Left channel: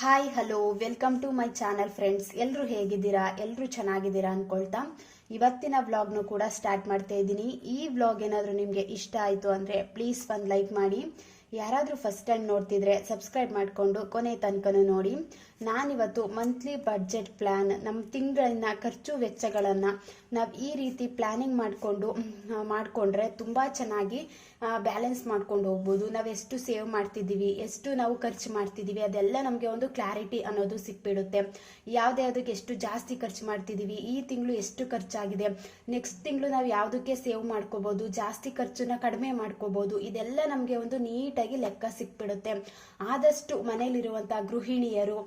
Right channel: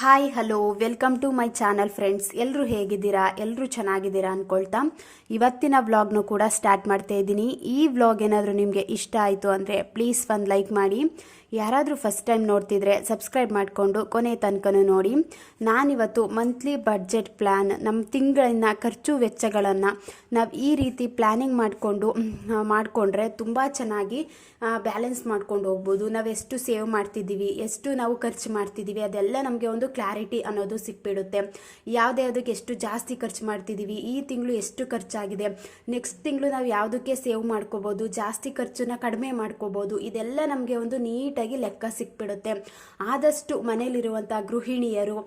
Hi hello welcome to my channel friends. ಎಲ್ಲರೂ ಹೇಗಿದ್ದೀರಾ? ಎಲ್ಲರೂ ಚೆನ್ನಾಗಿದ್ದೀರಾ ಅಂದ್ಕೊಳ್ತಾ ಇವತ್ತಿನ ವ್ಲಾಗ್ನು ಕೂಡ ಸ್ಟಾರ್ಟ್ ಮಾಡ್ತಾ ಇದ್ದೀನಿ. ಈ ವ್ಲಾಗ್ ಏನಾದರೂ ನಿಮಗೆ ಇಷ್ಟ ಆಯಿತು ಅಂದರೆ ಪ್ಲೀಸ್ ಒಂದು ಲೈಕ್ ಮಾಡಿ. ಯಾರಾದರೂ ಫಸ್ಟ್ ಟೈಮ್ ನೋಡ್ತಿದ್ರೆ ಸಬ್ಸ್ಕ್ರೈಬ್ ಮಾಡಿಕೊಂಡು ಕೊನೆ ತನಕನೂ ನೋಡಿ. ನಾನಿವತ್ತು ಮಂತ್ಲಿ ಬಡ್ಜೆಟ್ ಪ್ಲ್ಯಾನ್, ನಮ್ಮ ತಿಂಗಳಿನ ಖರ್ಚು ವೆಚ್ಚಗಳನ್ನು ನಾವು ಈ ರೀತಿ ಪ್ಲ್ಯಾನಿಂಗ್ ಮಾಡಿಕೊಂಡ್ರೆ ತುಂಬ ಚೆನ್ನಾಗಿ ಬ್ಯಾಲೆನ್ಸ್ ಮಾಡ್ಕೊಂಡು ಹೋಗ್ಬೋದು. ನಾವು ಎಷ್ಟು ಸೇವ್ ಮಾಡ್ತಿದ್ದೀವಿ, ಎಷ್ಟು ನಾವು ಖರ್ಚು ಮಾಡ್ತಿದ್ದೀವಿ, ಅದೆಲ್ಲ ನಮಗೆ ಒಂದು ಕ್ಲಾರಿಟಿ ಅನ್ನೋದು ಸಿಕ್ಬಿಡುತ್ತೆ. ಯಾವುದಕ್ಕೆ ಎಷ್ಟು ಜಾಸ್ತಿ ಖರ್ಚು ಮಾಡ್ತಿದ್ದೀವಿ, ಈ ತಿಂಗಳು ಎಷ್ಟು ಖರ್ಚಾಗಿದೆ, ನೆಕ್ಸ್ಟ್ ತಿಂಗಳು ನಾವು ಯಾವುದಕ್ಕೆ ಸೇವ್ ಮಾಡ್ಕೋಬೋದು, ಜಾಸ್ತಿ ಖರ್ಚನ್ನ ಕಡಿಮೆ ಮಾಡ್ಕೋಬೋದು, ಇದೆಲ್ಲ ನಮಗೆ ಒಂದು ನೀಟಾಗಿ ಲೆಕ್ಕ ಸಿಕ್ಬಿಡುತ್ತೆ. ಆದಷ್ಟು ಮನೇಲಿರುವಂಥ ಗೃಹಿಣಿಯರು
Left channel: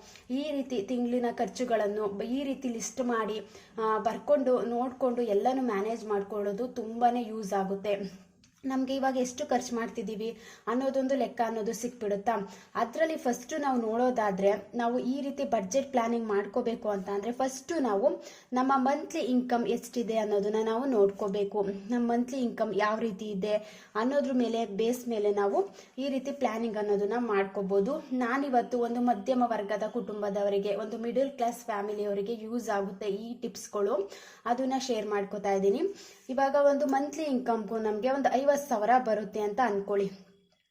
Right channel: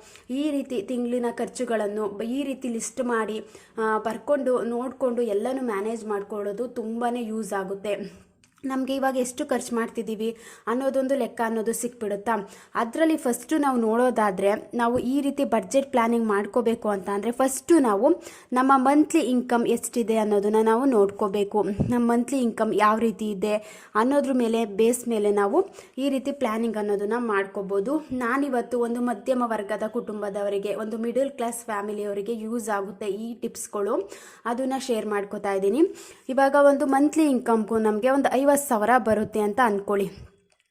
ಈ ರೀತಿ ತಿಂಗಳಿನ ಖರ್ಚುಗಳನ್ನು ಈ ರೀತಿ ಲಿಸ್ಟ್ ಮಾಡಿ ಬರ್ಕೊಂಡು ನೋಡಿಕೊಂಡು ಎಲ್ಲನೂ ಮ್ಯಾನೇಜ್ ಮಾಡ್ಕೊಳ್ಳೋದು ತುಂಬಾ ಯೂಸ್ ಆಗುತ್ತೆ. ನಮಗೆ ಇವಾಗ ಎಷ್ಟು ಖರ್ಚು ಮಾಡ್ತಿದ್ದೀವಿ ಅನ್ನೋದೊಂದು ಲೆಕ್ಕ ಅನ್ನೋದು ಸಿಕ್ಬಿಡುತ್ತಾ. ಅದರಲ್ಲಿ ಫಸ್ಟು ನಾವು ನೋಡೋದಾದರೆ, ನಾವು ಈ ರೀತಿ ಬಡ್ಜೆಟ್ ಪ್ಲ್ಯಾನಿಂಗ್ ಮಾಡ್ಕೋಬೇಕು ಅಂತ ಅಂದರೆ ಫಸ್ಟು ನಾವು ನಮ್ಮ ಮಂತ್ಲಿ ಇನ್ಕಮ್ ಎಷ್ಟಿದೆ ಅನ್ನೋದನ್ನು ನಾವು ನೋಡ್ಕೋಬೇಕು. ನಮ್ಮ ಮಂತ್ಲಿ ಇನ್ಕಮ್ ಯಾವ ರೀತಿ ಇದೆ ಅನ್ನೋದ್ರ ಮೇಲೆ ಬೇಸ್ ಮೇಲೆ ನಾವು ಈ ರೀತಿ ಪ್ಲ್ಯಾನಿಂಗ್ ಅನ್ನೋದನ್ನು ಮಾಡ್ಕೋಬೋದು. ನಾನಿವತ್ತು ಒಂದು ಮಧ್ಯಮ ವರ್ಗದ ಕುಟುಂಬದವರಿಗೆ, ಒಂದು ಮಿಡಲ್ ಕ್ಲಾಸ್ ಫ್ಯಾಮಿಲಿಯವರಿಗೆ ಯೂಸ್ ಆಗುತ್ತೆ ಈ ಟಿಪ್ಸ್ಗಳು, ಅದನ್ನು ಶೇರ್ ಮಾಡ್ಕೋತಾ ಇದ್ದೀನಿ. ಇವಾಗ ಒಂದು ಮಂತ್ಲಿ ಇನ್ಕಮ್ಗೂ ನಮಗೆ ಒಂದು 50,000 ಬರುತ್ತೆ ಅಂತ ಅಂದ್ಕೊಳ್ಳಿ.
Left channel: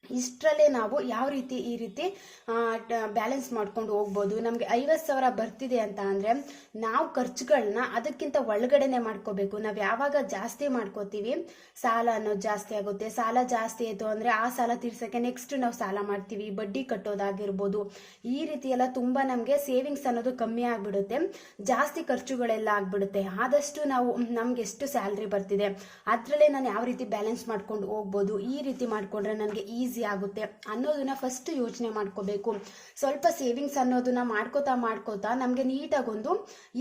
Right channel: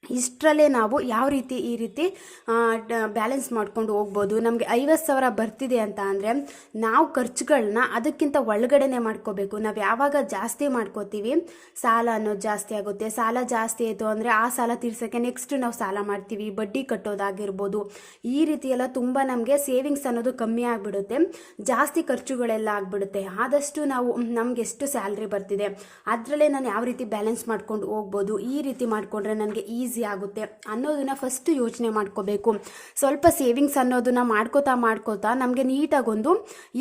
ಇಷ್ಟರಲ್ಲೇ ನಾವು ಯಾವ ರೀತಿ ಈ ರೀತಿ ಬ್ಯಾಲೆನ್ಸ್ ಮಾಡ್ಕೊಂಡು ಹೋಗ್ಬೋದು. ನಮಗೆ 50,000 ಬರ್ತಿದೆ ಅಂತ ಅಂದರೆ ನಾವು ಖರ್ಚುಗಳನ್ನ ಅದಕ್ಕಿಂತ ಒಳಗಡೆನೆ ಮಾಡ್ಕೋಬೇಕು. ನಾವು ಯಾವಾಗ ಜಾಸ್ತಿ ಮಾಡ್ಕೋತೀವಿ ಸಾಲ ಅನ್ನೋದು ಜಾಸ್ತಿ ಆಗುತ್ತೆ. ಸಾಲ ಜಾಸ್ತಿ ಆಯಿತು ಅಂದರೆ ಆ ಸಾಲ ತೀರ್ಸೋಕ್ಕೆ ನೆಕ್ಸ್ಟ್ ನಾವು ಸಾಲ ಮಾಡ್ತೀವಿ, ಬಡ್ಡಿ ಕಟ್ಟೋದಾಗಿರ್ಬೋದು. ಈ ರೀತಿ ಎಲ್ಲ ತುಂಬ ನಮಗೆ ಸೇವಿಂಗ್ಸ್ ಅನ್ನೋದು ಕಮ್ಮಿ ಆಗಿಬಿಡುತ್ತೆ, ಜಾಸ್ತಿ ಖರ್ಚುಗಳೆಲ್ಲ ಆಗಿಬಿಡುತ್ತೆ. ಆದಷ್ಟು ನಾವು ನಮ್ಗೆ ಎಷ್ಟು ಸ್ಯಾಲ್ರಿ ಬರ್ತಿದೆ ಅದರಲ್ಲೇ ನಾನು ಯಾವ ರೀತಿ ಬ್ಯಾಲೆನ್ಸ್ ಮಾಡ್ಕೊಂಡು ಹೋಗ್ಬೋದು, ಈ ರೀತಿ ಮಾಡಿಕೊಂಡ್ರೆ ನನಗೆ ಈಸಿ ಆಗುತ್ತೆ ಅನ್ನೋದನ್ನ ಫಸ್ಟ್ ಯೋಚನೆ ಮಾಡ್ಕೋಬೇಕು. ಸ್ವಲ್ಪ ಸೇವಿಂಗ್ಸ್ ಅನ್ನೋದನ್ನ ಮಾಡ್ಕೋತಾ ನಮಗೆ ನೀಟಾಗೊಂದು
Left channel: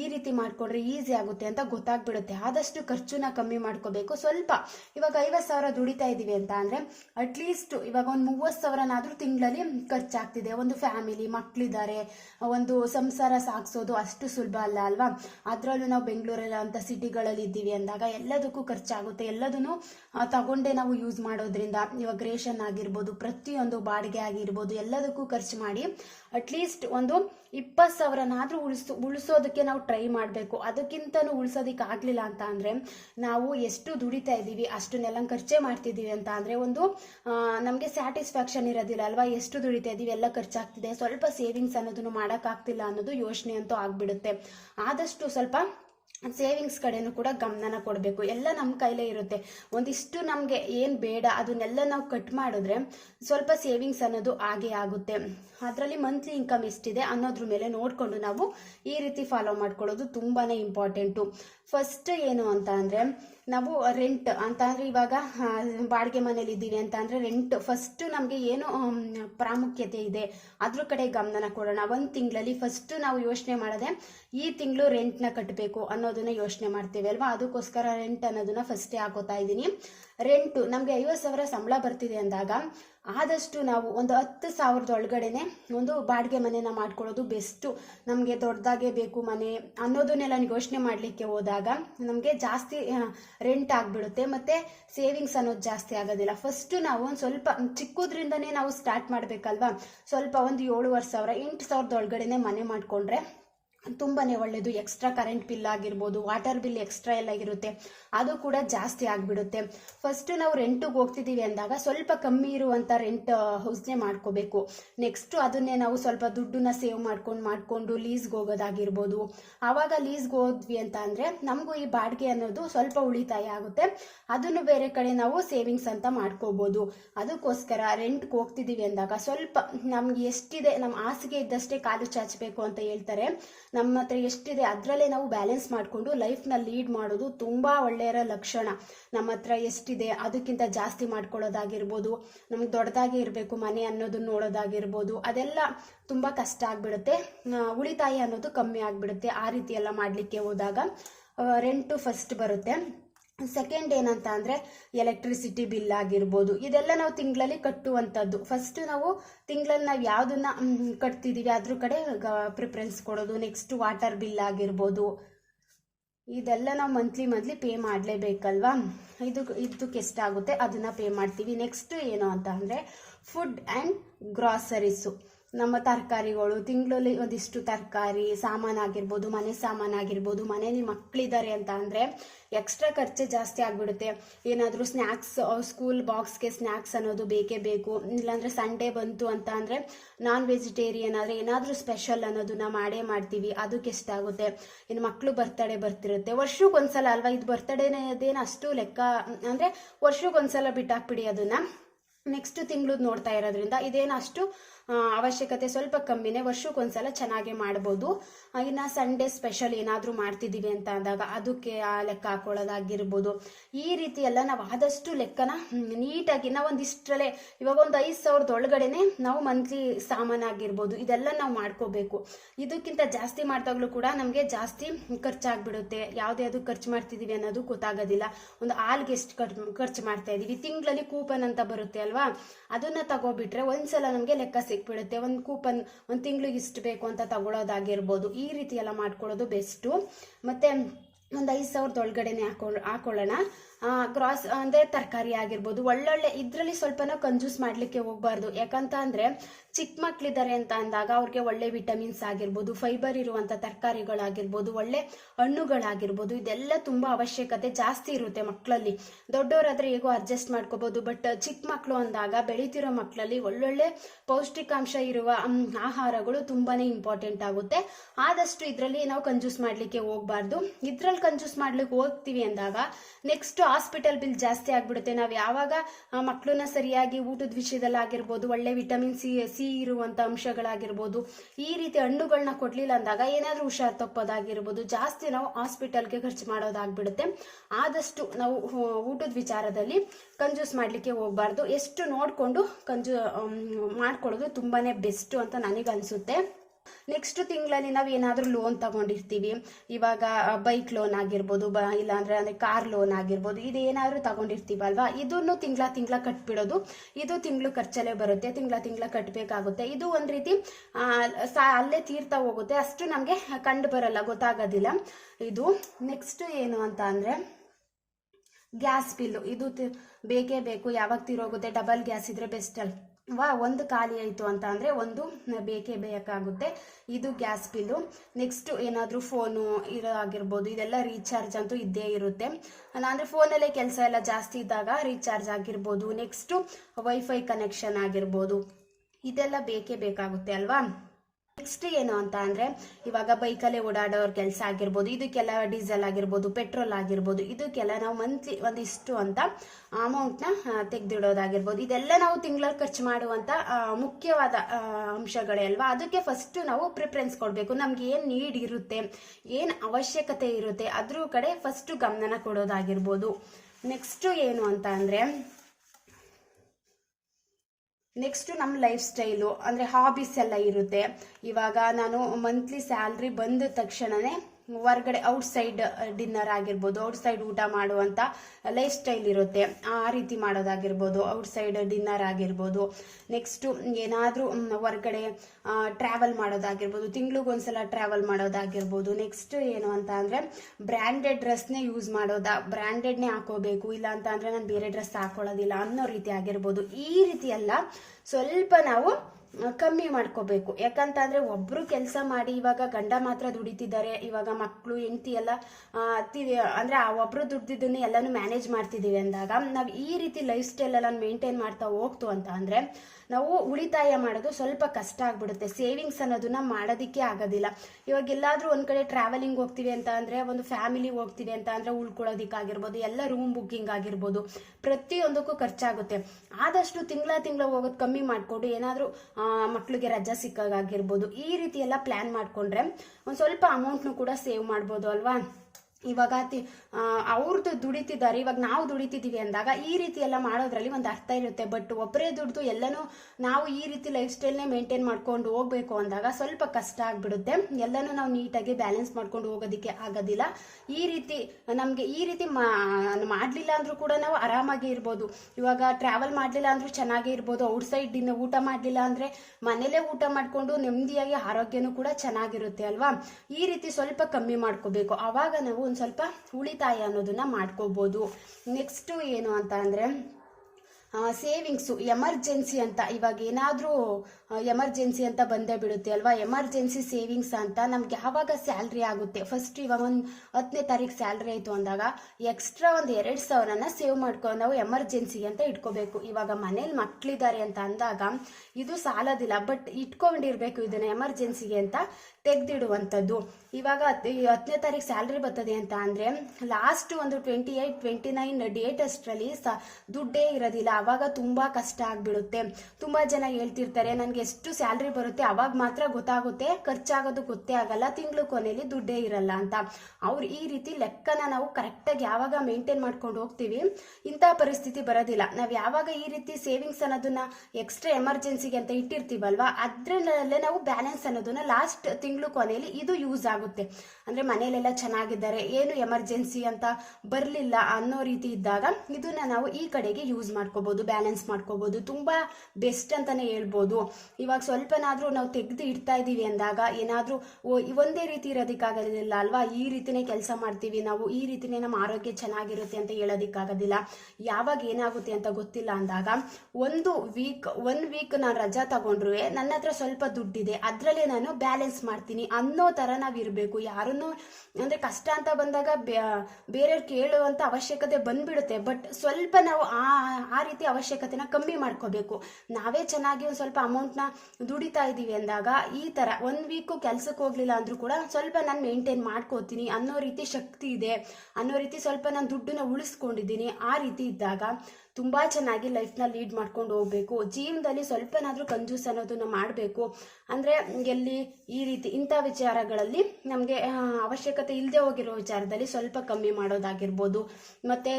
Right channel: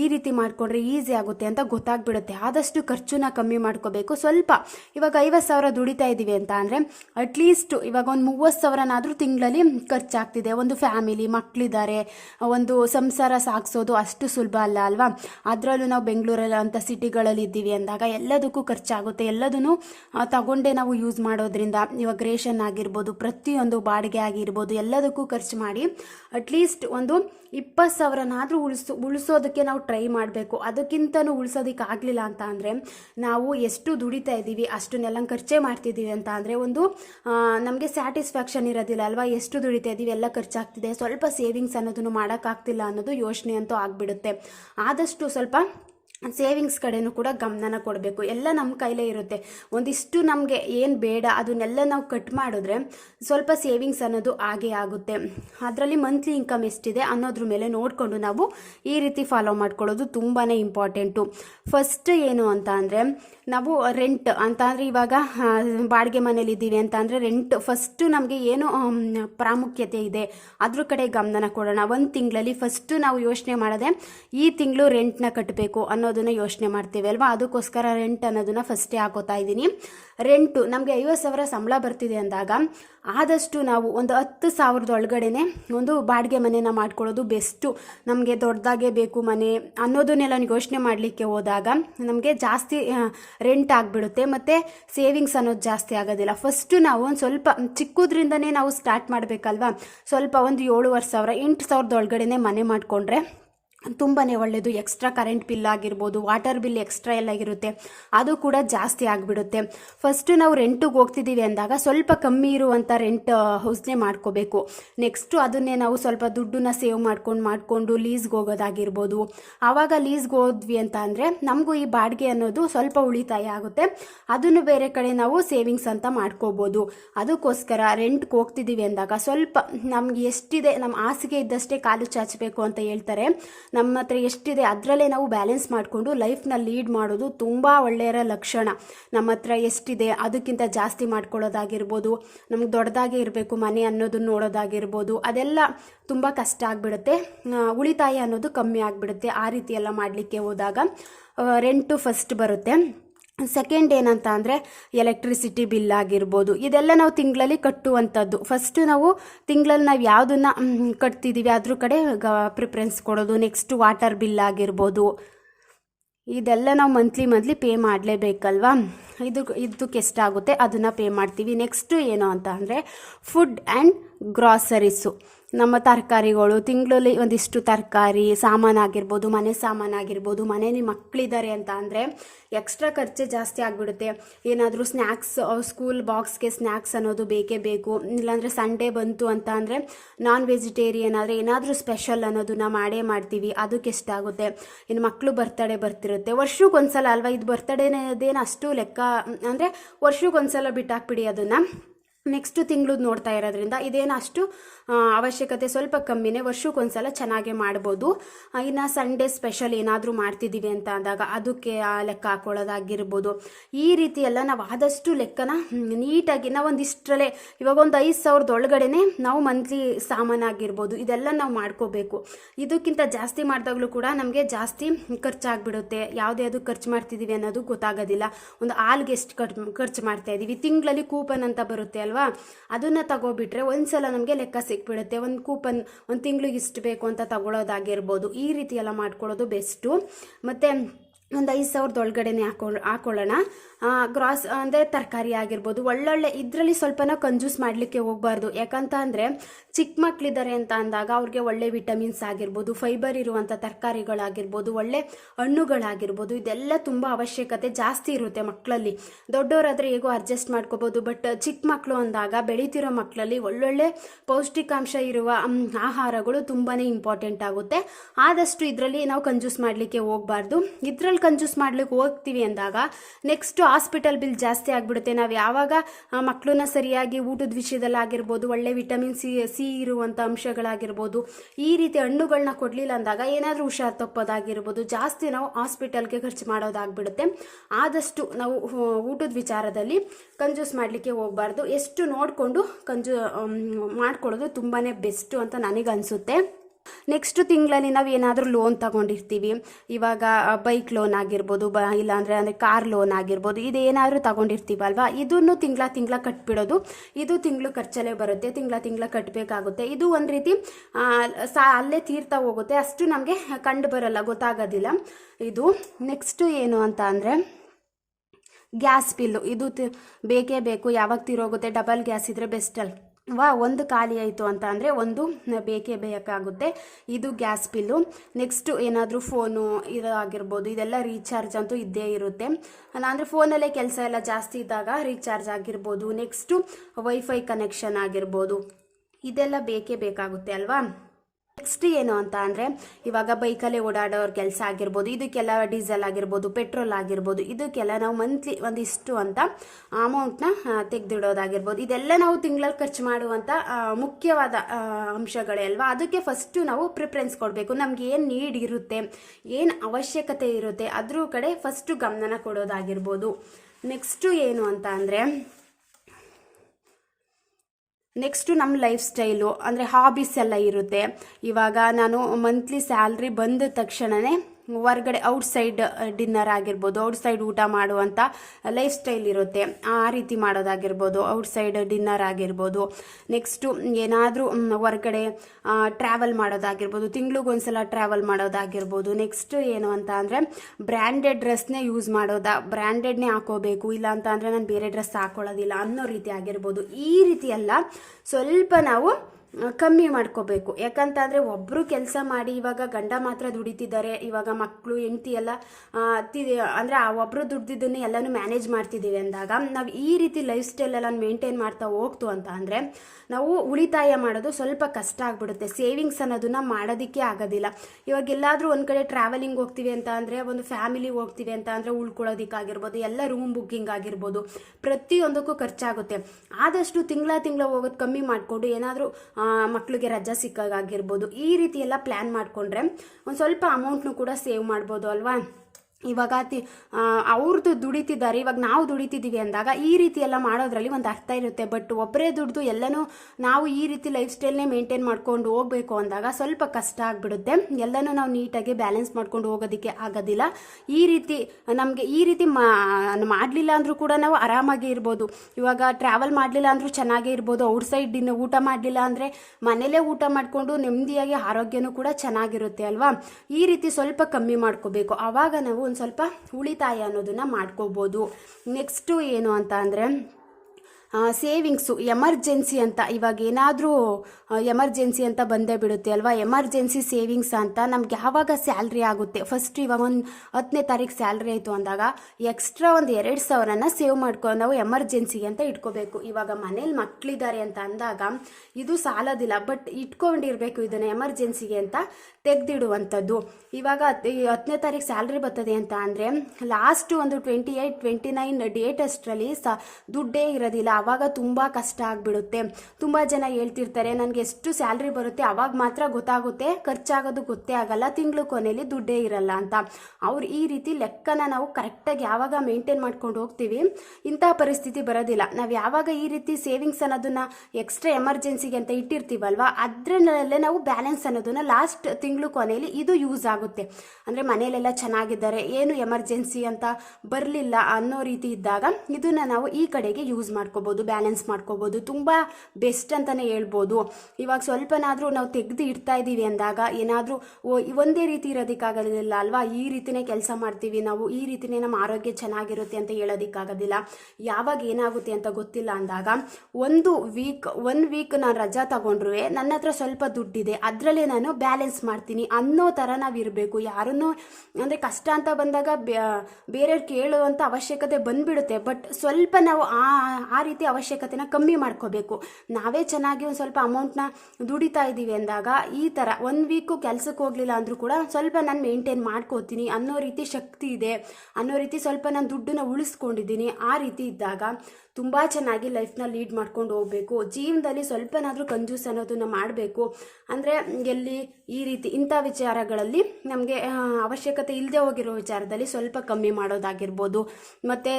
ಈ ರೀತಿ ಮಾಡ್ಕೊಂಡ್ರೆ ಈಸಿ ಆಗುತ್ತೆ ಅಂತ ಗೊತ್ತಾಗ್ಬಿಡುತ್ತೆ. ಆದಷ್ಟು ಖರ್ಚುನ ಕಮ್ಮಿ ಮಾಡ್ಕೋಬೇಕು. ಸ್ವಲ್ಪ ಇವಾಗ 50,000 ದುಡಿತಾ ಇದ್ದೀವಿ ಅಂತ ಅಂದರೆ ಅಟ್ಲೀಸ್ಟ್ ಇವಾಗ ಒಂದು 30,000ನಾದರೂ ತಿಂಗಳಲ್ಲಿ ಖರ್ಚಾಗ್ತಿದೆ. ಒಂದು ಫ್ಯಾಮಿಲಿ, ಮಕ್ಕಳಿದ್ದಾರೆ, ಒಂದು ಸಂಸಾರ ಸಾಗಿಸೋದು ಅಷ್ಟು ಸುಲಭ ಅಲ್ಲ ಅಲ್ವಾ. ಅದರಲ್ಲೂ ನಾವು ಬೆಂಗಳೂರಲ್ಲಿ ಅಂತ ಸಿಟಿಗಳಲ್ಲಿ ಇದ್ದೀವಿ ಅಂದಾಗ ಎಲ್ಲದಕ್ಕೂ ಖರ್ಚಾಗುತ್ತೆ. ಎಲ್ಲದನ್ನು ತಗೊಂಡೇ ನಾವು ಯೂಸ್ ಮಾಡೋದ್ರಿಂದ ಇವಾಗ ರೇಷನ್ ಆಗಿರ್ಬೋದು, ಪ್ರತಿಯೊಂದು ಬಾಡಿಗೆ ಆಗಿರ್ಬೋದು, ಎಲ್ಲದಕ್ಕೂ ಖರ್ಚು ಮಾಡಿ ಅಟ್ಲೀಸ್ಟ್ ಒಂದು 20,000ನಾದರೂ ಉಳಿಸೋದಕ್ಕೆ ನಾವು ಟ್ರೈ ಮಾಡಬೇಕು. ಅದಕ್ಕಿಂತನೂ ಉಳಿಸೋದಕ್ಕೆ ಆಗಲಿಲ್ಲ ಅಂತ ಅಂದರೆ ನಾವು ಎಷ್ಟು ದುಡಿತಾ ಇದ್ದೀವಿ ಅಷ್ಟನ್ನೆಲ್ಲ ಖರ್ಚೇ ಮಾಡ್ತಿದ್ದೀವಿ ಅಂತ ಅಂದರೆ ಒಂದು ನಮಗೆ ಸ್ಯಾಟಿಸ್ಫ್ಯಾಕ್ಷನ್ ಇರೋದಿಲ್ಲ ಅಲ್ವಾ. ಎಷ್ಟು ದುಡಿತಾ ಇದ್ದೀವಿ, ಎಲ್ಲ ಖರ್ಚಾಗ್ತಿದೆ, ಸ್ವಲ್ಪ ಸೇವಿಂಗ್ಸ್ ಅನ್ನೋದನ್ನು ಮಾಡೋಕ್ಕಾಗ್ತಿಲ್ಲ ಅನ್ನೋದು ಯೋಚನೆ ಅಂತೂ ಆಗಿಬಿಡುತ್ತೆ. ಆದಷ್ಟು ಸ್ವಲ್ಪ ಸೇವಿಂಗ್ಸ್ ಕಡೆನೂ ಕೂಡ ಗಮನನ ಕೊಡಬೇಕು. ಎಲ್ಲ ನಮ್ಮ ಕೈಲೇ ಇರುತ್ತೆ. ಒಂದಿಷ್ಟು ನಮಗೆ ಏನು ಬೇಡ ಅದನ್ನೆಲ್ಲ ನಾವು ಕಟ್ ಮಾಡಿದ್ರೆ ಸ್ವಲ್ಪ ಸೇವಿಂಗ್ಸ್ ಅನ್ನೋದು ಆಗೇ ಆಗುತ್ತೆ. ಅದರಲ್ಲಿ ಮಂತ್ಲಿ ಇನ್ಕಮ್ ಎಷ್ಟಿದೆ ಅನ್ನೋದ್ರ ಮೇಲೆ ನೋಡಿಕೊಂಡು ನಾವು ಈ ರೀತಿ ಫಾಲೋ ಮಾಡ್ಕೊಳ್ಳೋದು ತುಂಬಾ ಇಂಪಾರ್ಟೆಂಟು. ಫಸ್ಟ್ ಏನು ಅಂತ ಅಂದರೆ ನಾವು ರೆಂಟ್ ಅಂತ ಅಂದರೆ ಇವಾಗ ಬಾಡಿಗೆ ಮನೇಲಿ ಇದ್ದೀವಿ ಅಂತ ಅಂದರೆ ರೆಂಟ್ ಫಸ್ಟು ನಮಗೆ ಏನು ಪ್ರಾಮುಖ್ಯತೆ ಇದೆ ಅದ್ರ ಕಡೆ ಗಮನ ಕೊಡೋಣ. ಒಂದು ತಿಂಗಳಲ್ಲಿ ಫಸ್ಟು ನಾವು ಯೋಚನೆ ಮಾಡೋದೆ ಈ ತಿಂಗಳು ರೆಂಟ್ನ ಕಟ್ಟಬೇಕು ಅನ್ನೋದನ್ನ ಯೋಚನೆ ಮಾಡ್ತೀವಿ ಅಲ್ವಾ. ಅದಕ್ಕೋಸ್ಕರ ರೆಂಟ್ ಅನ್ನೋದನ್ನ ಫಸ್ಟೇ ಹಾಕೋತಾ ಇದ್ದೀನಿ. ರೆಂಟು ನಮಗೆ 50,000 ಸಂಬಳ ಬರ್ತಿದೆ ಅಂದಾಗ ಆದಷ್ಟು ನಾವು ಒಂದು 10,000 ಒಳಗಡೆನೆ ಒಂದು ಬಾಡಿಗೆ ಮನೆನ ಮಾಡ್ಕೊಳ್ಳೋದು ಬೆಸ್ಟು. ನಮಗೆ ದೊಡ್ಡದಾಗೇ ಬೇಕು ಮನೆ ಅನ್ನೋದನ್ನೆಲ್ಲ ಯೋಚನೆ ಮಾಡಲಿಕ್ಕೆ ಹೋದಾಗ ನಮಗೆ ಜಾಸ್ತಿ ರೆಂಟ್ ಆಗಿಬಿಡುತ್ತೆ, ಮತ್ತು ಸೇವಿಂಗ್ಸ್ ಅನ್ನೋದು ಜಾಸ್ತಿ ಆಗೋದಿಲ್ಲ. ಫಸ್ಟು ನಾವು ಒಂದು ಸ್ವಲ್ಪ ಚಿಕ್ಕದ್ರಿಂದನೇ ನಾವು ಸ್ಟಾರ್ಟ್ ಮಾಡಬೇಕಲ್ವಾ. ಸ್ವಲ್ಪ ಒಂದು 7,500 8,000 ಒಳಗಡೆನೆ ಮನೆ ಮಾಡಿಕೊಂಡ್ರೆ ತುಂಬಾ ಒಳ್ಳೆಯದು. ಎಕ್ಸ್ಟ್ರಾ ಕರೆಂಟ್ ಬಿಲ್ ಆಗಿರ್ಬೋದು, ವಾಟರ್ ಬಿಲ್ ಎಕ್ಸ್ಟ್ರಾ ಎಲ್ಲ ಇರುತ್ತೆ, ಅದು ಕೂಡ ಜಾಸ್ತಿ ಆಗಿಬಿಡುತ್ತೆ. ಫಸ್ಟು ನಾವು ರೆಂಟಿಗೆ ಹೋಗ್ತಿದ್ದೀವಿ ಅಂದಾಗ ಸ್ವಲ್ಪ ಕಮ್ಮಿ ಇರುವಂಥ ರೆಂಟ್ ಹೌಸ್ನೇ ಮಾಡ್ಕೋಬೇಕು. ನೆಕ್ಸ್ಟು ಅದನ್ನೇ ನಾವು ಸ್ವಲ್ಪ ದುಡ್ಡನ್ನ ಸೇವ್ ಮಾಡಿಕೊಂಡು ಲೀಸ್ಗೆ ಹೋಗೋದಾಗಿರ್ಬೋದು. ಆವಾಗ ಲೀಸ್ಗೆ ಹೋದ್ವಿ ಅಂತ ಅಂದರೆ ನಮಗೂ ಈ ಬಾಡಿಗೆ ಅನ್ನೋದು ಸ್ವಲ್ಪ ಉಳಿತಾಯ ಆಗುತ್ತೆ. ಅದನ್ನು ಬೇರೆ ಕಡೆ ನಾವು ಸೇವಿಂಗ್ಸ್ ಅಂತ ಮಾಡ್ಕೋಬೋದು. ಅದಕ್ಕೋಸ್ಕರ ರೆಂಟ್ಗೆ ಹೋಗ್ತಿದ್ದೀವಿ ಅಂದಾಗ ಸ್ವಲ್ಪ ನಮ್ಗೆ ಎಷ್ಟಿದೆ, ನಮ್ಮ ಹಾಸಿಗೆ ಇದ್ದಷ್ಟೇ ಕಾಲು ಚಾಚಬೇಕು ಅಂತ ಹೇಳ್ತಾರೆ. ನಮ್ಮ ಹತ್ರ ಎಷ್ಟಿದೆ ಅದರಲ್ಲೇ ನಾವು ಬ್ಯಾಲೆನ್ಸ್ ಮಾಡಿಕೊಂಡು ಲೈಫ್ನ ಲೀಡ್ ಮಾಡೋದು ತುಂಬ ಒಳ್ಳೆಯ ಲಕ್ಷಣ. ನಮ್ಮ ಹತ್ರ ಎಷ್ಟಿದೆ ಅದಕ್ಕಿಂತ ಜಾಸ್ತಿ ಮಾಡ್ಕೊಳ್ಳೋದಾಗಿರ್ಬೋದು, ನಮ್ಗೆ ದೊಡ್ಡದಾಗೆ ಇರಬೇಕು ಮನೆ ಅನ್ನೋದನ್ನ ನೋಡೋದಾಗಿರ್ಬೋದು, ಅದೆಲ್ಲ ತುಂಬ ಕಷ್ಟ ಆಗಿಬಿಡುತ್ತೆ. ಉಳಿತಾಯ ಅನ್ನೋದು ಕಮ್ಮಿ ಆಗಿಬಿಡುತ್ತೆ. ಆ ರೀತಿ ಎಲ್ಲ ಮಾಡಲಿಕ್ಕೆ ಹೋದಾಗ ರೆಂಟು ಫಸ್ಟ್ ಬರುತ್ತೆ. ಸೆಕೆಂಡ್ ಏನಂತ ಅಂದರೆ ಎಲೆಕ್ಟ್ರಿಸಿಟಿ ಬಿಲ್ ಆಗಿರ್ಬೋದು, ಇದೆಲ್ಲ ನಾವು ತಿಂಗಳಲ್ಲಿ ಕಟ್ಟುವಂಥದ್ದು. ಫಸ್ಟು ನಾವು ತಿಂಗಳಲ್ಲಿ ನಾವು ಯಾವುದನ್ನು ಕಟ್ತಿದ್ದೀವಿ ಅದ್ರ ಕಡೆ ಪ್ರಿಫರೆನ್ಸ್ ಕೊಡೋದು. ನೆಕ್ಸ್ಟ್ ವಾಟರ್ ಬಿಲ್ ಆಗಿರ್ಬೋದು, ಇದೆಲ್ಲ ನಾವು ಮಂತ್ಲಿ ಪೇ ಮಾಡಲೇಬೇಕಲ್ವಾ. ಇದಕ್ಕೆ ಎಷ್ಟಾಗುತ್ತೆ ಅದನ್ನು ಪೇ ಮಾಡ್ತೀವಿ. ನೆಕ್ಸ್ಟು ಏನು ಅಂತ ಅಂದರೆ ಫುಡ್ ಆ್ಯಂಡ್ ಗ್ರಾಸರೀಸು, ನಮ್ಮ ತರಕಾರಿಗಳು ತಿಂಗಳಲ್ಲಿ ಒಂದಿಷ್ಟು ತರಕಾರಿ ಸಾಮಾನಾಗಿರ್ಬೋದು, ಮನೆ ಸಾಮಾನಾಗಿರ್ಬೋದು, ಮನೇಲಿ ಮಕ್ಕಳಿದ್ದಾರೆ ಅಂತ ಅಂದರೆ ಎಕ್ಸ್ಟ್ರಾ ಖರ್ಚೆ ಜಾಸ್ತಿ ಆಗಿಬಿಡುತ್ತೆ. ಏನಾದರೂ ಸ್ನ್ಯಾಕ್ಸ್, ಸ್ಕೂಲ್ ಬಾಕ್ಸ್ಗೆ ಸ್ನ್ಯಾಕ್ಸ್ ಅನ್ನೋದು ಬೇಕೇ ಬೇಕು. ಇಲ್ಲಾಂದರೆ ಸಂಡೇ ಬಂತು ಅಂತ ಅಂದರೆ ನಾನ್ ವೆಜಿಟೇರಿಯನ್ ಆದರೆ ಏನಾದರೂ ಸ್ಪೆಷಲ್ ಅನ್ನೋದನ್ನ ಮಾಡೇ ಮಾಡ್ತೀವಿ. ಅದಕ್ಕೆ ಎಷ್ಟಾಗುತ್ತೆ. ಇನ್ನು ಮಕ್ಕಳು ಬರ್ತಡೇ ಬರ್ತಿರುತ್ತೆ, ವರ್ಷಕ್ಕೊಂದ್ಸಲ ಅಲ್ವಾ ಇದು. ಬರ್ತಡೇನೇದೇನು ಅಷ್ಟು ಲೆಕ್ಕ ಅಂದರೆ ವರ್ಷಕ್ಕೊಂದ್ಸಲ ಬಿಟ್ಟಾಕ್ಬಿಡಿ ಅದನ್ನು. ನೆಕ್ಸ್ಟ್ ತಿಂಗಳು ನೋಡ್ತಾ ಇರೋದ್ರಿಂದ ಇದೇನು ಅಷ್ಟು ಅವಶ್ಯಕತೆ ಸ್ವಲ್ಪ ಕಮ್ಮಿನೇ. ವರ್ಷಕ್ಕೊಂದ್ಸಲ ಚೆನ್ನಾಗೇ ಮಾಡ್ಬೋದು. ಇನ್ನು ಸಂಡೇ ಸ್ಪೆಷಲ್ ಏನಾದರೂ ಮಾಡ್ತಿದ್ದೀವಿ ಅಂತ ಅಂದಾಗ ಅದಕ್ಕೆ ಲೆಕ್ಕ ಹಾಕೊಳ್ಳೋದಾಗಿರ್ಬೋದು. ಈ ರೀತಿ ಎಲ್ಲ ನಾವು ಆದಷ್ಟು ಲೆಕ್ಕನ ನೀಟಾಗಿ ನಾವು ಒಂದಿಷ್ಟರಲ್ಲೇ ಇವಾಗ ಒಂದು 5,000 ಒಳಗಡೆನೆ ನಾವು ಮಂತ್ಲಿ ಸಾಮಾನಾಗಿರ್ಬೋದು ಇದೆಲ್ಲ ನಾವು ಮಾಡ್ಕೋಬೇಕು. ಇದಕ್ಕಿಂತ ಜಾಸ್ತಿ ಮಾಡಿದಾಗಲೂ ಕೂಡ ನಮಗೆ ಜಾಸ್ತಿ ಖರ್ಚಾಗ್ಬಿಡುತ್ತೆ. ಯಾವುದೇ ಅದು ಖರ್ಚು ಮಾಡ್ತಿದ್ದೀವಿ ಅನ್ನೋದು ಗೊತ್ತಾಗೋದಿಲ್ಲ. ಒಂದು ಹಾಲ್ಗೆ ಎಷ್ಟು ಖರ್ಚು ಮಾಡ್ತಾ ಇದ್ದೀವಿ, ತಿಂಗಳಲ್ಲಿ ಕೂಪನ್ ಅಂತ ಬರುತ್ತೆ ಅಲ್ವಾ, ಅದನ್ನು ತಗೋಬಿಟ್ರೆ ಒಂದ್ಸಲ ನಮಗೆ ಲೆಕ್ಕ ಸಿಕ್ಬಿಡುತ್ತೆ. ಒಂದು ಕೂಪನ್ ಒಂದು ತಿಂಗಳಿಗೆ ಇಷ್ಟು ಬೇಕು ಅಂತ ತಗೊಳ್ಳೋದಾಗಿರ್ಬೋದು. ಈ ರೀತಿ ಎಲ್ಲ ಮಾಡ್ಕೊಳ್ಳೋದು ಬೆಸ್ಟು. ಮತ್ತು ಒಂದು 5,000 ಒಳಗಡೆನೆ ಹಾಕೊಳ್ಳೋಣ. ಗ್ರಾಸ್ ಅಂದರೆ ತರಕಾರಿ ಆಗಿರ್ಬೋದು, ಒಳ್ಳೊಳ್ಳೆ ಇದರಲ್ಲಿ ಸ್ವಲ್ಪ ನಾವು ಕಂಜೂಸ್ ಮಾಡಲಿಕ್ಕೆ ಹೋಗಬಾರ್ದು. ಯಾಕಂತ ಅಂದರೆ ಚಿಕ್ಕ ಮಕ್ಕಳಿದ್ದಾರೆ ಅಂತ ಅಂದಾಗ ಅವ್ರಿಗೆ ಒಳ್ಳೆ ವಿಟಮಿನ್ಸ್ ಆಗಿರ್ಬೋದು, ಫೈಬರ್ ಇರುವಂಥ ತರಕಾರಿಗಳಾಗಿರ್ಬೋದು, ಒಳ್ಳೆ ಹಣ್ಣುಗಳಾಗಿರ್ಬೋದು, ಇದೆಲ್ಲ ತುಂಬ ಅವಶ್ಯಕತೆ ಜಾಸ್ತಿ ಇರುತ್ತೆ ಮಕ್ಕಳಲ್ಲಿ. ದೊಡ್ಡವರಾದರೆ ಹೇಗೋ ಅಡ್ಜಸ್ಟ್ ಮಾಡ್ಕೋಬೋದು. ಬಟ್ ಚಿಕ್ಕ ಮಕ್ಕಳು ಅಂದಾಗ ಬೆಳೀತಿರೋ ಮಕ್ಕಳಲ್ಲಿ ಒಳ್ಳೊಳ್ಳೆ ಪೌಷ್ಟಿಕಾಂಶ ಇರುವ ಆಹಾರಗಳು ತುಂಬಾ ಇಂಪಾರ್ಟೆಂಟ್ ಆಗುತ್ತೆ. ಆದಷ್ಟು ಇದರಲ್ಲಿ ನಾವು ಕಂಜೂಸ್ ಮಾಡಲಿಕ್ಕೆ ಹೋಗಬಾರ್ದು. ಇದರಲ್ಲಿ ಕಂಜೂಸ್ ಮಾಡ್ಲಿಕ್ಕೆ ಹೋಗ್ತೀವಿ ಅಂದಾಗ ನೆಕ್ಸ್ಟ್ ಹಾಸ್ಪಿಟಲ್ ಬಿಲ್ ಜಾಸ್ತಿ ಆಗಿಬಿಡುತ್ತೆ. ನಾವು ಯಾವಾಗ ಮಕ್ಕಳನ್ನ ಸರಿಯಾಗಿ ಊಟದ ವಿಷಯದಲ್ಲಿ ಆಗಿರ್ಬೋದು, ಒಳ್ಳೆ ವಿಟಮಿನ್ ಸಿ ಇರುವಂಥ ಅಂಶಗಳಾಗಿರ್ಬೋದು, ಈ ರೀತಿ ಹಣ್ಣುಗಳನ್ನ ಕೊಡಲಿಲ್ಲ ಅಂದಾಗ ಏನಾದರೂ ಹುಷಾರು ತಪ್ಪೋದಾಗಿರ್ಬೋದು, ಜಾಸ್ತಿ ನಾವು ಹಾಸ್ಪಿಟಲ್ಗೆ ಖರ್ಚು ಮಾಡೋದಾಗ್ಬಿಡುತ್ತೆ. ಆದಷ್ಟು ನಾವು ಊಟದ ವಿಚಾರದಲ್ಲಿ ಕಂಜೂಸ್ ಮಾಡಲಿಕ್ಕೆ ಹೋಗಬಾರ್ದು. ಎಷ್ಟು ನೋಡಿಕೊಂಡು ಮಾಡ್ಕೊಳ್ಳೋದು ತುಂಬಾ ಬೆಸ್ಟು ಅಂತ ನನಗನ್ಸುತ್ತೆ. ನೆಕ್ಸ್ಟ್ ತಿಂಗಳಲ್ಲಿ ನಾವು ಏನಾದರೂ ಲೋನ್ ತಗೊಂಡಿರ್ತೀವಿ. ಇವಾಗ ಬೈಕ್ ಲೋನ್ ಆಗಿರ್ಬೋದು, ಇಲ್ಲಾಂದರೆ ಕಾರ್ ಲೋನ್ ಆಗಿರ್ಬೋದು, ಇದೇನಾದರೂ ತಗೊಂಡಿರ್ತೀವಲ್ವಾ, ಇದನ್ನು ತಿಂಗಳ ಕಟ್ಬಿಡೋದು. ಇದು ತಿಂಗಳು ಖರ್ಚಲ್ಲೇ ಬರುತ್ತೆ, ತಿಂಗಳ ಕಟ್ಟಬೇಕಾಗುತ್ತೆ. ಇದು ಒಂದು ರೀತಿ ಅಲ್ಲೇ ತೀರ್ತಾ ಹೋಗುತ್ತೆ. ಅಷ್ಟು ನಮಗೆ ಕಂಡು ಬರಲ್ಲ, ಗೊತ್ತಾಗೋದಿಲ್ಲ ಇದು. ನೆಕ್ಸ್ಟು ಏನು ಅಂತ ಅಂದರೆ ಗ್ಯಾಸ್ ಬಿಲ್ಲು. ಇದು ಬೇಕೇ ಬೇಕು, ಯಾವಾಗ ತೀರೋಗುತ್ತೆ. ಡಬಲ್ ಗ್ಯಾಸ್ ಇದ್ರೆ ಬೆಸ್ಟ್ ಅಲ್ವಾ. ಒಂದು ಖಾಲಿ ಆಯಿತು ಅಂತ ಅಂದರೆ ಒಂದು ಬೇಕೇ ಬೇಕಾಗುತ್ತೆ. ಇದು ಗ್ಯಾಸ್ ಬಿಲ್ಲು. ನೆಕ್ಸ್ಟು ಏನಾದರೂ ಫೋನು ಆಗಿರ್ಬೋದು, ಇದೆಲ್ಲ ರೀಚಾರ್ಜ್ ಅಂತೂ ಇದ್ದೇ ಇರುತ್ತೆ. ಅಂದರೆ ಫೋನಲ್ಲೇ ಕೆಲಸ ಎಲ್ಲ ಜಾಸ್ತಿ ಇದ್ದಾಗ ರೀಚಾರ್ಜ್ ಆಗಿರ್ಬೋದು. ನೆಕ್ಸ್ಟು ವೈಫೈ ಕನೆಕ್ಷನ್ ಆಗಿರ್ಬೋದು, ಇದೆಲ್ಲ ಬೇಕೇ ಬೇಕಾಗುತ್ತೆ ಅಲ್ವಾ. ನೆಕ್ಸ್ಟ್ ಏನು ಅಂತ ಅಂದರೆ ಇವಾಗ ಬೈಕಲ್ಲೇ ಓಡಾಡೋರ ಕೆಲಸ ಆಗಿರ್ಬೋದು, ಇದಕ್ಕೆಲ್ಲ ಡೀಸೆಲ್ ಆಗಿರ್ಬೋದು, ಪೆಟ್ರೋಲ್ ಆಗಿರ್ಬೋದು, ಇದಕ್ಕೆಲ್ಲ ನಾವು ಮಂತ್ಲಿ ಒಂದಿಷ್ಟು ಅಂತ ಅಮೌಂಟ್ನ ತೆಗೆದಿಡೋದಾಗಿರ್ಬೋದು. ಇದೆಲ್ಲ ನಾವು ತಿಂಗಳಲ್ಲಿ ಖರ್ಚು ಮಾಡುವಂಥ ಮುಖ್ಯವಾದ ಅಂಶಗಳೇ ಅಲ್ವಾ. ಅದಕ್ಕೆ ಫಸ್ಟು ನಾವು ಪ್ರಿಫರೆನ್ಸ್ ಕೊಡಬೇಕು. ನಮ್ಗೆ ಏನು ನೀಡ್ ಇರುತ್ತೆ, ಏನು ಅವಶ್ಯಕತೆ ಇರುತ್ತೆ ಅದ್ರ ಕಡೆ ಫಸ್ಟು ಗಮನ ಕೊಡೋದಾಗಿರ್ಬೋದು. ನೆಕ್ಸ್ಟು ಏನು ಅಂತ ಅಂದರೆ ನೆಕ್ಸ್ಟು ನಮ್ಮ ಲೈಫ್ ಸ್ಟೈಲು ಅಂದರೆ ಹಾಬೀಸ್ ಎಲ್ಲ ಇರುತ್ತೆ. ಇವಾಗ ನಾನು ಮಂತ್ಲಿ ಸ್ಯಾಲ್ರಿ ಬಂದ ತಕ್ಷಣವೇ ಹೊರಗಡೆ ಔಟ್ಸೈಡ್ ಡಿನ್ನರ್ ಆಗಿರ್ಬೋದು, ಔಟ್ಸೈಡ್ ಊಟ ಮಾಡುವಂಥ ಲೈಫ್ ಸ್ಟೈಲ್ ಇರುತ್ತೆ. ಆ ರೀತಿ ಮಾಡೋದಾಗಿರ್ಬೋದು, ಔಟ್ಸೈಡ್ ಡಿನ್ನರ್ ಆಗಿರ್ಬೋದು. ನೆಕ್ಸ್ಟು ಏನಾದರೂ ಹೊರಗಡೆ ಟ್ರಾವೆಲ್ ಮಾಡೋದಾಗಿರ್ಬೋದು, ತಿಂಗಳಿಗೊಂದ್ಸಲ ಟ್ರಾವೆಲ್ ಮಾಡೋದಾಗಿರ್ಬೋದು. ನೆಕ್ಸ್ಟು ಏನು ಅಂತ ಅಂದರೆ ಬ್ರ್ಯಾಂಡೆಡ್ ಡ್ರೆಸ್ನೇ ಯೂಸ್ ಬ್ರ್ಯಾಂಡೆಡ್ನೇ ಹಾಕೋಬೇಕು, ಇಲ್ಲ ಅಂತ ಅಂದರೆ ನಾನು ಬೇರೆ ಡ್ರೆಸ್ ಹಾಕೊಳ್ಳೋದಿಲ್ಲ ಅನ್ನೋ ರೀತಿ ಆಗಿರ್ಬೋದು. ಈ ರೀತಿ ಎಲ್ಲ ಸ್ವಲ್ಪ ನಾವು ಕಮ್ಮಿ ಮಾಡ್ಕೋಬೇಕು. ಯಾಕಂತಂದರೆ ಒಬ್ಬರು ಕೆಲಸ ಮಾಡಿ ಇವಾಗ ಗಂಡ ಮಾತ್ರ ದುಡಿತಿದ್ದಾರೆ, ಇವಾಗ ಮಕ್ಕಳು ಹೆಂಡತಿ ಎಲ್ಲ ಅಂದರೆ ಆ ಒಬ್ಬರು ದುಡ್ದಿದ್ದನ್ನೇ ಎಲ್ಲನೂ ಮ್ಯಾನೇಜ್ ಮಾಡ್ತಿದ್ದೀವಿ ಅಂದಾಗ ನಾವು ಈ ರೀತಿ ಲೈಫ್ ಸ್ಟೈಲ್ ಎಲ್ಲ ಮೇಂಟೈನ್ ಮಾಡ್ತಾ ಹೋಗ್ತು ಅಂತ ಅಂದರೆ ನಾವು ಉಳಿತಾಯ ಮಾಡೋದು ಸ್ವಲ್ಪ ಕಷ್ಟ ಆಗ್ಬಿಡುತ್ತೆ. ಸೇವಿಂಗ್ಸ್ ಅನ್ನೋದನ್ನ ಮಾಡೋದಕ್ಕೆ ಆಗೋದಿಲ್ಲ. ಇವಾಗ ಎಲ್ಲಾದರೂ ಒಂದು ಕಡೆ ಟ್ರಾವೆಲಿಂಗ್ ಹೋಗ್ತೀವಿ ಅಂತ ಅಂದರೆ, ಒಂದು ಫ್ಯಾಮಿಲಿ ಹೋಗ್ತೀವಿ ಅಂತ ಅಂದರೆ ಉಳ್ಕೊಳ್ಳೋದಕ್ಕಾಗಿರ್ಬೋದು, ಎಲ್ಲ ರೂಮ್ ಬುಕ್ಕಿಂಗ್ ಆಗಿರ್ಬೋದು, ಪ್ರತಿಯೊಂದಕ್ಕೂ ಖರ್ಚಾಗುತ್ತೆ. ಆದಷ್ಟು ತಿಂಗಳ ಹೋಗೋದು ಕಮ್ಮಿ ಮಾಡಿಕೊಂಡು ಏನಾದರೂ ಮಕ್ಕಳಿಗೆ ರಜಾ ಸಿಕ್ಕಾಗಿರ್ಬೋದು, ಈ ರೀತಿ ಎಲ್ಲ ಪ್ಲ್ಯಾನ್ ಮಾಡಿಕೊಂಡ್ರೆ ಒಂದು ಸ್ವಲ್ಪ ಅಮೌಂಟ್ನು ಕೂಡ ಸೇವ್ ಮಾಡ್ಬೋದು ಅಲ್ವಾ. ಇವಾಗ ಅವ್ರದ್ದು ದುಡಿತಿದ್ದಾರೆ, ಇವಾಗ ನಾವು ದುಡಿತಿದ್ದೀವಿ ಅಂದಾಗ ಈ ರೀತಿ ಎಲ್ಲ ಮಾಡೋದ್ರಲ್ಲಿ ಒಂದು ಅರ್ಥ ಇರುತ್ತೆ. ಬಟ್ ಒಬ್ಬರೇ ದುಡ್ದು ಎಲ್ಲನೂ ನಾವು ಈ ರೀತಿ ಲೈಫ್ ಸ್ಟೈಲ್ನೇ ಮೇಂಟೈನ್ ಮಾಡ್ಕೊಂಡು ಹೋಗಬೇಕು ಅಂದಾಗ ಸ್ವಲ್ಪ ಕಷ್ಟ ಆಗಿಬಿಡುತ್ತೆ. ಎಲ್ಲನೂ ನಾವು ನೀಟಾಗಿ ಬ್ಯಾಲೆನ್ಸ್ ಮಾಡ್ಕೊಂಡು ಹೋಗೋದಕ್ಕೆ ಆಗೋದಿಲ್ಲ. ನಮಗೆ ಈ ರೀತಿ ಮಾಡಲಿಲ್ಲ ಅಂದರೂ ಕೂಡ ನಾವು ಆರಾಮಾಗಿ ಇರ್ಬೋದು. ಇವಾಗ ಟ್ರಾವೆಲ್ ಮಾಡಲಿಲ್ಲ ಅಂದರೂ ಚೆನ್ನಾಗೇ ಇರ್ಬೋದು. ಔಟ್ಸೈಡ್ ಊಟ ಮಾಡಲಿಲ್ಲ ಅಂದರೆ ಮನೇಲೇ ಊಟ ಮಾಡಿಕೊಂಡು ನೆಮ್ಮದಿಯಾಗಿ ಆರೋಗ್ಯನೂ ಕೂಡ ಚೆನ್ನಾಗಿರುತ್ತೆ ಅಲ್ವಾ. ಈ ರೀತಿ ಸ್ವಲ್ಪ ಕಮ್ಮಿ ಮಾಡ್ಕೋಬೇಕು. ಆವಾಗ ನಾವು ಸ್ವಲ್ಪ ಉಳಿತಾಯ ಅನ್ನೋದನ್ನ ಮಾಡ್ಕೋಬೋದು. ನೆಕ್ಸ್ಟು ಏನು ಅಂತ ಅಂದರೆ ಸೇವಿಂಗ್ಸು ಎಮರ್ಜೆನ್ಸಿ ಅಂತ ಇವಾಗ ಏನಾದರೂ ಎಮರ್ಜೆನ್ಸಿ ಅಂತ ಬಂದೇ ಬಿಡುತ್ತೆ ಅಲ್ವಾ. ಎಮರ್ಜೆನ್ಸಿ ಸೇವಿಂಗ್ಸ್ ಅಂತ ನಮ್ಗೆ ಯಾವಾಗ ಸ್ಯಾಲ್ರಿ ಆಗುತ್ತೆ, ಫಸ್ಟ್ ಇವಾಗ ಒಂದು 10ನೇ ತಾರೀಕು ಸ್ಯಾಲ್ರಿ ಆಯಿತು ಅಂದಾಗ ಎಕ್ಸ್ಟ್ರಾ ಒಂದು 2,000ನ ಸೇವ್ ಮಾಡ್ಕೊಂಡು ನಾವು ಎಮರ್ಜೆನ್ಸಿಗೆ ಅಂತ ಇಟ್ಕೋಬೇಕು. ಇವಾಗ ಮನೇಲಿ ಮಕ್ಕಳಿದ್ದಾರೆ ಅಂತ ಅಂದಾಗ ಇದು ಸಾಲೋದಿಲ್ಲ, ಬಟ್ ಇಟ್ಕೊಂಡಿರ್ಬೇಕು ಇದನ್ನು ಎಮರ್ಜೆನ್ಸಿಗೆ ಅಂತ ತೆಗೆದಿಡುವಂಥದ್ದು. ಇವಾಗ 10ನೇ ತಾರೀಕು ಸ್ಯಾಲ್ರಿ ಬರ್ತದೆ ಅಂತ ಅಂದರೆ ಲಾಸ್ಟ್ ಒಂದು 28, 29 ಡೇಟ್ ಅಷ್ಟರಲ್ಲಿ ದುಡ್ಡೇ ಇರೋದಿಲ್ಲ. ಆವಾಗ ತುಂಬ ಕಷ್ಟ ಆಗಿಬಿಡುತ್ತೆ. ತುಂಬ ಜನ ಹೇಳ್ತಿರ್ತಾರೆ ನನಗೆ ಎಷ್ಟು ಸ್ಯಾಲ್ರಿ ಬರುತ್ತೆ ಅವಾಗ ಮಾತ್ರ ಗೊತ್ತಾಗುತ್ತೆ, ಖರ್ಚಾಗೋದು ಗೊತ್ತೇ ಆಗಲ್ಲ, ತಿಂಗಳು ಕೊನೆಯಲ್ಲಿ ದುಡ್ಡೇ ಇರಲ್ಲ ಅಂತ. ಅವ್ರು ಈ ರೀತಿ ಲೆಕ್ಕನ ನಾವು ಕರೆಕ್ಟಾಗಿ ಯಾವಾಗ ಮೇಂಟೈನ್ ಮಾಡ್ಕೊಂಡು ಹೋಗ್ತೀವಿ ಇಂಥ ಪರಿಸ್ಥಿತಿ ಬರೋದಿಲ್ಲ. ನಾವು ಯಾವಾಗ ಈ ರೀತಿ ಸೇವಿಂಗ್ಸ್ ಅನ್ನೋದನ್ನ ಎಕ್ಸ್ಟ್ರಾ ಎಮರ್ಜೆನ್ಸಿಗೆ ಅಂತ ಇಟ್ಟಿರ್ತೀವಲ್ವಾ, ಅದರಲ್ಲೇ ನಾವು ಬ್ಯಾಲೆನ್ಸ್ ಅನ್ನೋದನ್ನ ಲಾಸ್ಟ್ ತಿಂಗಳು ಕೊನೆಯಲ್ಲಿ ಇದು ಯೂಸ್ ಆಗುತ್ತೆ. ಅಂದರೆ ಮನೆಯಲ್ಲೆಲ್ಲ ಚೆನ್ನಾಗಿದ್ದಾರೆ, ಏನು ಎಮರ್ಜೆನ್ಸಿ ಅಂತ ಬರಲಿಲ್ಲ ಅನ್ನೋ ರೀತಿ ಇದ್ದಾಗ ಇದನ್ನ ನಾವು ಈ ಕಡೆಗೆ ಯೂಸ್ ಮಾಡ್ಕೋಬೋದು, ಬ್ಯಾಲೆನ್ಸ್ ಮಾಡ್ಕೋಬೋದು. ತುಂಬ ಬೆಸ್ಟ್ ಅಂತಲೇ ಹೇಳ್ಬೋದು. ಇವಾಗ ಸ್ವಲ್ಪನಾದರೂ ನಾವು ತೆಗೆದು ಇಡ್ತಾ ಇದ್ದೀವಿ ಅಂದಾಗ ಏನಾದರೂ ಒಂದೇ ರೀತಿ ಇರೋದಕ್ಕಾಗೋದಿಲ್ಲ ಅಲ್ವಾ. ಈ ರೀತಿನೇ ಕೆಲಸ ಮಾಡ್ತೀವಿ ನಾವು, ಈ ರೀತಿನೇ ನಮ್ಮ ಆರೋಗ್ಯ ಚೆನ್ನಾಗಿರುತ್ತೆ ಅಂತ ಹೇಳೋದಕ್ಕಾಗೋದಿಲ್ಲ. ಯಾವಾಗ ಏನಾಗುತ್ತೆ ಅಂತ ಗೊತ್ತಿಲ್ಲ ಅಂದಾಗ ಒಂದು ವೀಕ್ ನಾನು ರಜಾ ತಗೊಂಡ್ರು ನನ್ನ ಹತ್ರ ಸ್ವಲ್ಪ ದುಡ್ಡಿದೆ, ಅದರಲ್ಲೇ ನಾನು ಬ್ಯಾಲೆನ್ಸ್ ಮಾಡ್ತೀನಿ ಅನ್ನೋ ಥರ ನಾವು ಇರಬೇಕು. ಯಾರನ್ನೂ ಅಂದರೆ ಕಷ್ಟ ಅಂತ ಬಂದಾಗ ಬೇರೆಯವ್ರು ಕೇಳುವಂಥ ಅವಶ್ಯಕತೆ ಬಂದ್ಬಿಡುತ್ತೆ. ಬಟ್ ಸ್ವಲ್ಪ ನಾವು ಆ ರೀತಿ ಅವಶ್ಯಕತೆನ ಕಮ್ಮಿ ಮಾಡ್ಕೋಬೇಕು. ನಾವೇ ಚೆನ್ನಾಗಿ ಒಂದು ಸ್ವಲ್ಪ ಅಮೌಂಟ್ನ ದುಡಿತಾ ಇದ್ದೀವಿ ಅಂದಾಗ ಈ ಥರ 1 ವೀಕು ಕೆಲಸಕ್ಕೆ ಹೋಗಲಿಲ್ಲ ಅಂದರೂ ಕೂಡ ಸ್ವಲ್ಪ ನಾನು ಮೇಂಟೈನ್ ಮಾಡ್ಕೋತೀನಿ ಅನ್ನೋ ರೀತಿ ಶಕ್ತಿ ಇದೆ, ಅನ್ನೋ ರೀತಿ ಸ್ವಲ್ಪ ನಾನು ದುಡ್ಡನ್ನ ಉಳಿಸ್ಕೊಂಡಿದ್ದೀನಿ. ಆ ರೀತಿ ಇದ್ದಾಗ ತುಂಬ ಚೆನ್ನಾಗಿ ಲೈಫ್ನ ಲೀಡ್ ಮಾಡ್ಕೊಂಡು ಹೋಗಬೇಕು. ಜೀವನದಲ್ಲಿ ಸ್ವಲ್ಪನಾದರೂ ಕಂಜೂಸ್ ಅನ್ನೋದನ್ನು ಮಾಡಬೇಕು. ಅಂದರೆ ಎಲ್ಲಿ ಈ ರೀತಿ ಇಂಥ ವಿಚಾರಗಳಲ್ಲಿ ನಮಗೆ ಅವಶ್ಯಕತೆ ಇಲ್ಲದೆ ಹೋಗಿರೋ ವಿಚಾರದಲ್ಲಿ ಸ್ವಲ್ಪ ಕಮ್ಮಿ ಮಾಡೋದಾಗಿರ್ಬೋದು. ಮತ್ತು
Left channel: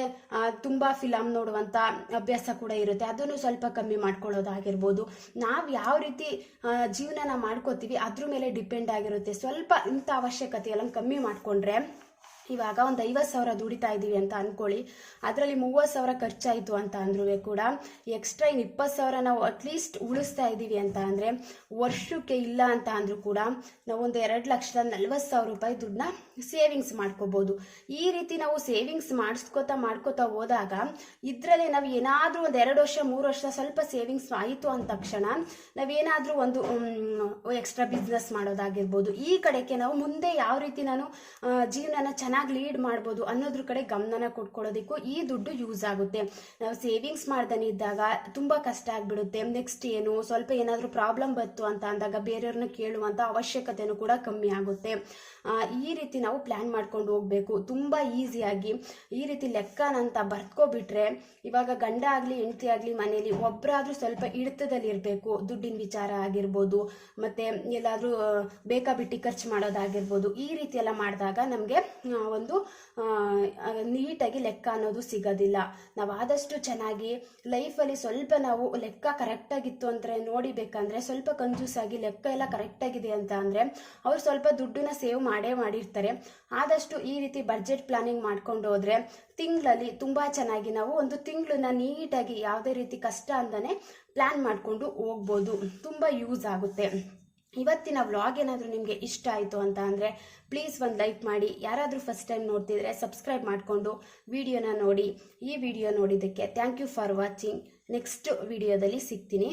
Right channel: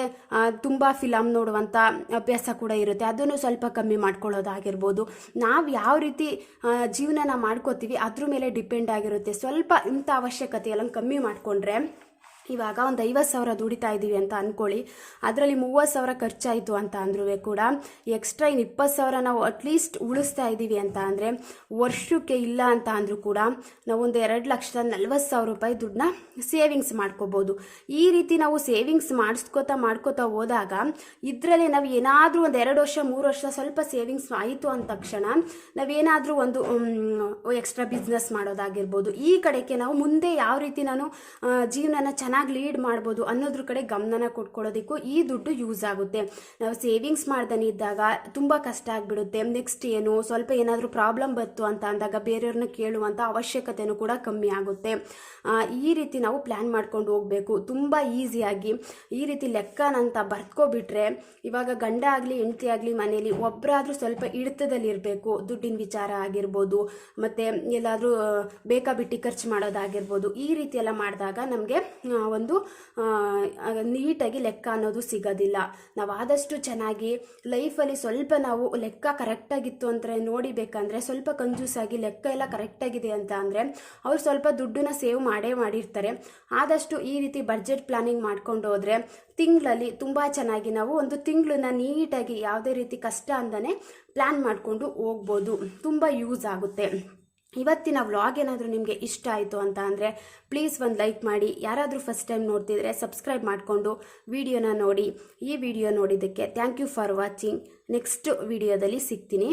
ತುಂಬ ಫಿಲಮ್ ನೋಡುವಂಥ ಅಭ್ಯಾಸ ಕೂಡ ಇರುತ್ತೆ, ಅದನ್ನು ಸ್ವಲ್ಪ ಕಮ್ಮಿ ಮಾಡ್ಕೊಳ್ಳೋದಾಗಿರ್ಬೋದು. ನಾವು ಯಾವ ರೀತಿ ಜೀವನನ ಮಾಡ್ಕೋತೀವಿ ಅದ್ರ ಮೇಲೆ ಡಿಪೆಂಡ್ ಆಗಿರುತ್ತೆ. ಸ್ವಲ್ಪ ಇಂಥ ಅವಶ್ಯಕತೆ ಎಲ್ಲ ಕಮ್ಮಿ ಮಾಡಿಕೊಂಡ್ರೆ, ಇವಾಗ ಒಂದು 50,000 ದುಡಿತಾ ಇದ್ದೀವಿ ಅಂತ ಅಂದ್ಕೊಳ್ಳಿ, ಅದರಲ್ಲಿ 30,000 ಖರ್ಚಾಯಿತು ಅಂತ ಅಂದ್ರೂ ಕೂಡ ಎಕ್ಸ್ಟ್ರಾ 20,000 ನಾವು ಅಟ್ಲೀಸ್ಟ್ ಉಳಿಸ್ತಾ ಇದ್ದೀವಿ ಅಂತ ಅಂದರೆ ವರ್ಷಕ್ಕೆ ಇಲ್ಲ ಅಂತ ಅಂದರೂ ಕೂಡ ನಾವು ಒಂದು 2,40,000 ರೂಪಾಯಿ ದುಡ್ಡನ್ನ ಸೇವಿಂಗ್ಸ್ ಮಾಡ್ಕೋಬೋದು. ಈ ರೀತಿ ನಾವು ಸೇವಿಂಗ್ಸ್ ಮಾಡ್ಕೋತಾ ಹೋದಾಗ ಇದರಲ್ಲೇ ನಾವು ಏನಾದರೂ ಒಂದು 2 ವರ್ಷ 3 ವರ್ಷ ಸ್ವಲ್ಪ ಸೇವಿಂಗ್ಸ್ ಆಯಿತು ಅಂದ ತಕ್ಷಣ ನಾವೇನಾದರೂ ಒಂದು ಎಕ್ಸ್ಟ್ರಾ ಬಿಸ್ನೆಸ್ ಮಾಡೋದಾಗಿರ್ಬೋದು. ಈ ಕಡೆಗೆ ನಾವು ಮುಂದೆ ಯಾವ ರೀತಿ ನಾನು ಜೀವನನ ಚೆನ್ನಾಗಿ ಲೀಡ್ ಮಾಡ್ಬೋದು ಅನ್ನೋದ್ರ ಕಡೆ ಗಮನನ ಕೊಟ್ಕೊಳ್ಳೋದಕ್ಕೂ ಈ ದುಡ್ಡು ಯೂಸ್ ಆಗುತ್ತೆ. ನಾವು ಸೇವಿಂಗ್ಸ್ ಮಾಡ್ತಾನೆ ಇದ್ದಾಗ ತುಂಬ ಕಷ್ಟ ಆಗಿಬಿಡುತ್ತೆ. ನೆಕ್ಸ್ಟ್ ಏನು ಸ್ವಲ್ಪ ಏನಾದರೂ ಪ್ರಾಬ್ಲಮ್ ಬಂತು ಅಂತ ಅಂದಾಗ ಬೇರೆಯವ್ರನ್ನ ಕೇಳುವಂಥ ಅವಶ್ಯಕತೆನೂ ಕೂಡ ಕಮ್ಮಿ ಆಗುತ್ತೆ. ಈ ರೀತಿ ನಾವು ಪ್ಲ್ಯಾನ್ ಮಾಡ್ಕೊಂಡು ಹೋಗಬೇಕು. ತುಂಬ ಈಸಿಯಾಗಿ ಈ ರೀತಿ ಲೆಕ್ಕನಂತ ಬರ್ಕೋಬಿಟ್ರೆ ಇವಾಗ ಗಂಡ ಆಗಲಿ ಹೆಂಡತಿ ಆಗಲಿ ಮನೇಲಿ ಒಬ್ಬರಾದರೂ ಸ್ವಲ್ಪ ಹಿಡಿತದಲ್ಲಿ ಇರಬೇಕು. ದುಡ್ಡಿನ ವಿಚಾರ ಆಗಿರ್ಬೋದು, ಮತ್ತು ಎಲ್ಲಾದರೂ ಬೇಕಾಬಿಟ್ಟು ಖರ್ಚು ಮಾಡೋದಾಗಿರ್ಬೋದು. ಈ ರೀತಿ ಎಲ್ಲ ಮಾಡಿದಾಗ ನಮಗೆ ಒಂದು ನೀಟಾಗಿ ಲೆಕ್ಕ ಅನ್ನೋದು ಸಿಗೋದಿಲ್ಲ. ನಾವು ಆದಷ್ಟು ಚೆನ್ನಾಗಿ ಲೈಫಲ್ಲಿ ಸ್ವಲ್ಪ ನಾವು ಲೆಕ್ಕ ಕರೆಕ್ಟಾಗಿತ್ತು ಅಂದರೆ ನೋಡಿಬೇಕಂದ್ರೆ ಸ್ವಲ್ಪ ಕಂಜೂಸಾಗಿ ಲೆಕ್ಕ ಎಲ್ಲ ಕರೆಕ್ಟಾಗಿದೆ ಅಂತ ಅಂದರೆ ಅವ್ರು ಸ್ವಲ್ಪ ದುಡ್ಡನ್ನ ಸೇವ್ ಮಾಡಿರ್ತಾರೆ. ಆದಷ್ಟು ಈ ರೀತಿ ಬಡ್ಜೆಟ್ ಪ್ಲಾನಿಂಗ್ ಮಾಡ್ಕೊಂಡು ಹೋದರೆ ತಿಂಗಳಲ್ಲಿ ತುಂಬ ಚೆನ್ನಾಗಿ ನಾವು ಒಂದು ತಿಂಗಳನ್ನ ನೀಟಾಗಿ ಯಾವುದೇ ರೀತಿ ಕಷ್ಟ ಅಂತಾನೆ ಪ್ಲಾನ್ ಮಾಡಿಕೊಂಡು ಹೋಗ್ಬೋದು. ತುಂಬ ಯೂಸ್ ಆಗುತ್ತೆ. ಇವತ್ತಿನ ವ್ಲಾಗ್ ಏನಾದರೂ ನಿಮಗೆ ಇಷ್ಟ ಆಯಿತು ಅಂತ ಅಂದರೆ ಪ್ಲೀಸ್ ಒಂದು ಲೈಕ್ ಮಾಡಿ. ಯಾರಾದರೂ ಫಸ್ಟ್ ಟೈಮ್ ನೋಡ್ತಿದ್ರೆ ಸಬ್ಸ್ಕ್ರೈಬ್ ಮಾಡಿಕೊಂಡು ವಿಡಿಯೋನ ನೋಡಿ. ಈ ವಿಡಿಯೋ ನೋಡಿದ್ದಕ್ಕೆ thank you for watching. Next ವಿಡಿಯೋದಲ್ಲಿ ಸಿಗ್ತೀನಿ.